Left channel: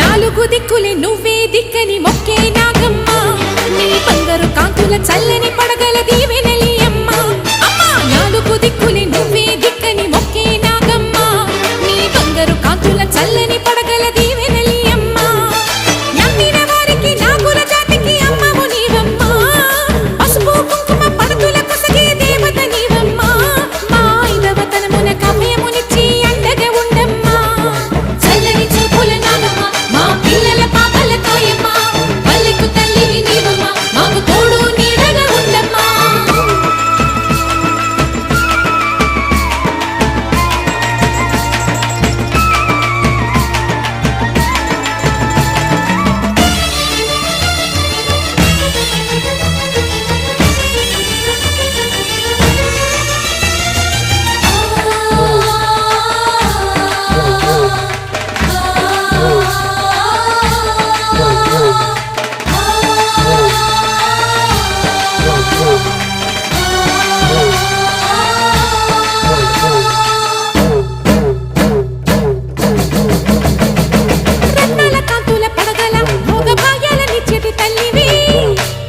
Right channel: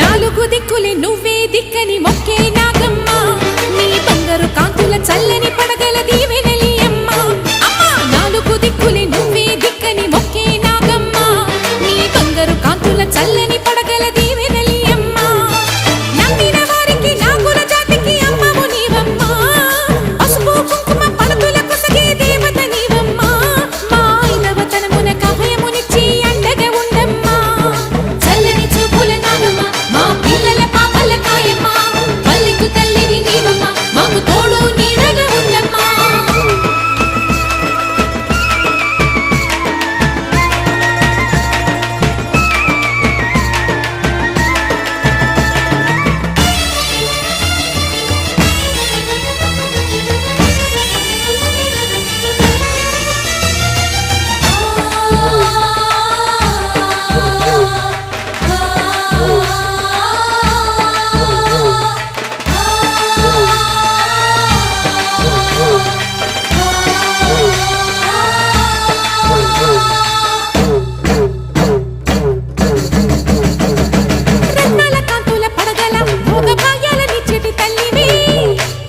నాలుగు దిక్కులే నువ్వే దిక్కని మొక్కే నాగమ్మ నీ బంగారు కాంతుల చల్లని పడగల దీవెనలి అమ్మ అమ్మా నాలుగు దిక్కులే నువ్వే దిక్కని మొక్కే నాగమ్మ నీ బంగారు కాంతుల చల్లని పడగల దీవెనలి అమ్మ నమ్మిన వారికి నాగుల జాతికి అమ్మవు నీవమ్మ పసుపు కుంకుమ పడతుల కొసగే దేవత నీవమ్మ మా ఐదవతనమున కభయమునిచ్చి అండగా ఉండమ్మా చల్లని చూపుల నాగమ్మ మా పిల్లల పాపల కాయమ్మ పల్లెకు తల్లివి నీవమ్మ మాకు తోడు నీడగా ఉండమ్మా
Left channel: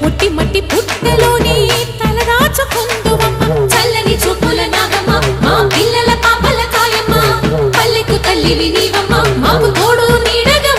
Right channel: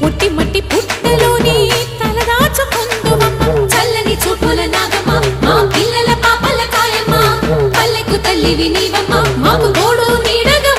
పుట్టి మట్టి పుట్టలోనే తలదాచుకుందువమ్మ చల్లని చూపుల నాగమ్మ మా పిల్లల పాపల కాయమ్మ పల్లెకు తల్లివి నీవమ్మ